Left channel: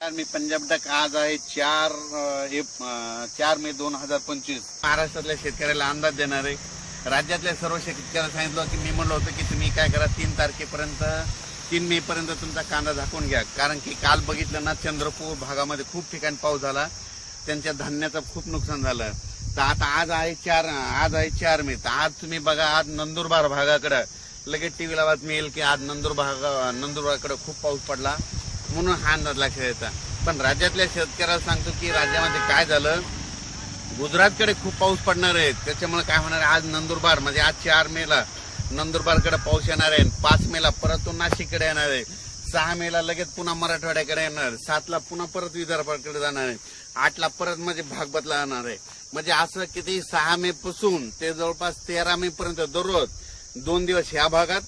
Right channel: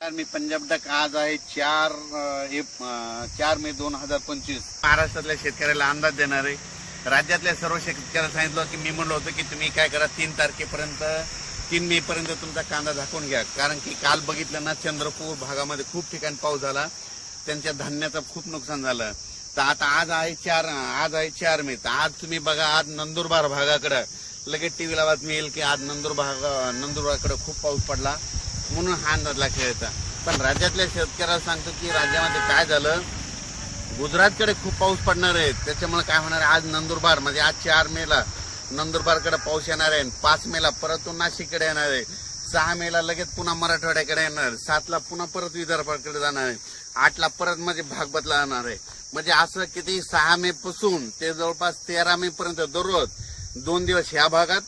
मी Punjab duck आज आहे 4 मे 2025. महाराष्ट्रातल्या शेतकऱ्याला अंदाज देणार आहे. राज्यातल्या सर्व शेतकऱ्यांना सांगितलं की मी म्हणलो होतो की तुम्ही काय करा 3 मे पर्यंत तुमचा कांदा झाकून घ्या, कारण की काल बघितलं ना चंद्रपूर भागामध्ये खूप ठिकाणी पाऊस झाला, त्यांच्या धान्याचं खूप नुकसान झालं. तर आता आज आहे 4 मे. तर आज तुम्ही बघा, आज नंदुरबार भागाकडे लगेच टीव्हीला बातमी येईल की आज नंदुरबारकडे खूप पाऊस पडला, म्हणून हा अंदाज लक्षात येता. पण राज्यातल्या शेतकऱ्याला सांगतो की राज्यामध्ये काय झालं, गुजरातकडे खूप पाऊस पडणार आहे, त्याच्यामुळे काय होणार आहे, आज नंदुरबार म्हणजे आज 4 मेला नंदुरबारकडे पाऊस येणार आहे, 5 मेला परत तो नाशिककडे येणार आहे, 6 मेला लगेच पुन्हा मराठवाड्याकडे येणार, 7 ला पुन्हा परत विदर्भाकडे जाणार आहे, 8 ला परत म्हणजे भाग बदलणार आहे. म्हणजे असं किती 6 मे पासून ते जवळपास 13 मे पर्यंत दररोज 2 दिवस ह्या भागात,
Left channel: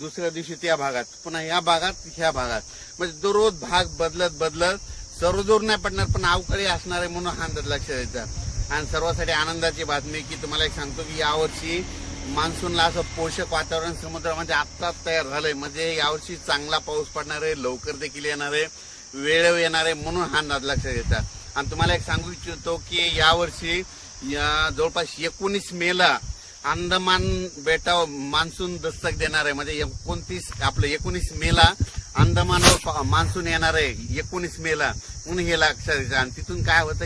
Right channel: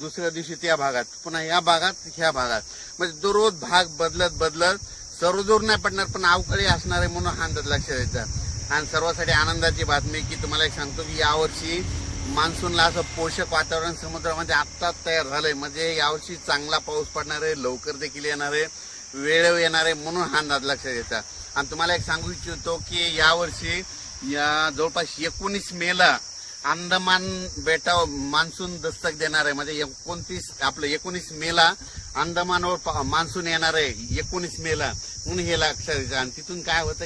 दुसऱ्या दिवशी त्या भागात, पुन्हा ह्या भागात, ह्या भागात, म्हणजे दररोज भाग बदलत सर्वजोर नाही पडणार, पण अवकाळी असणार आहे, म्हणून हा अंदाज लक्षात यायचा. आणि सर्वांसाठी आनंदाची बातमी की तुम्हाला एक सांगतो की यावर्षी मान्सूनला असं पोषक वातावरण समुद्रामध्ये आत्ताच तयार झालंय. म्हणजे यावर्षी चांगला पाऊस पडणार आहे, लवकर देखील येणार आहे, वेळेवर येणार आहे, म्हणून हा अंदाज लक्षात यायचा. आणि तुम्हाला एक सांगू इच्छितो की यावर्षी जवळपास 19 मेला अंदमान बेटावर मान्सून दस्तक देणार आहे. म्हणजे 19 मेला अंदमानवर मान्सून येणार आहे, 19 मेला, म्हणून हे लक्षात यायचं. आणि तिथून काय होतं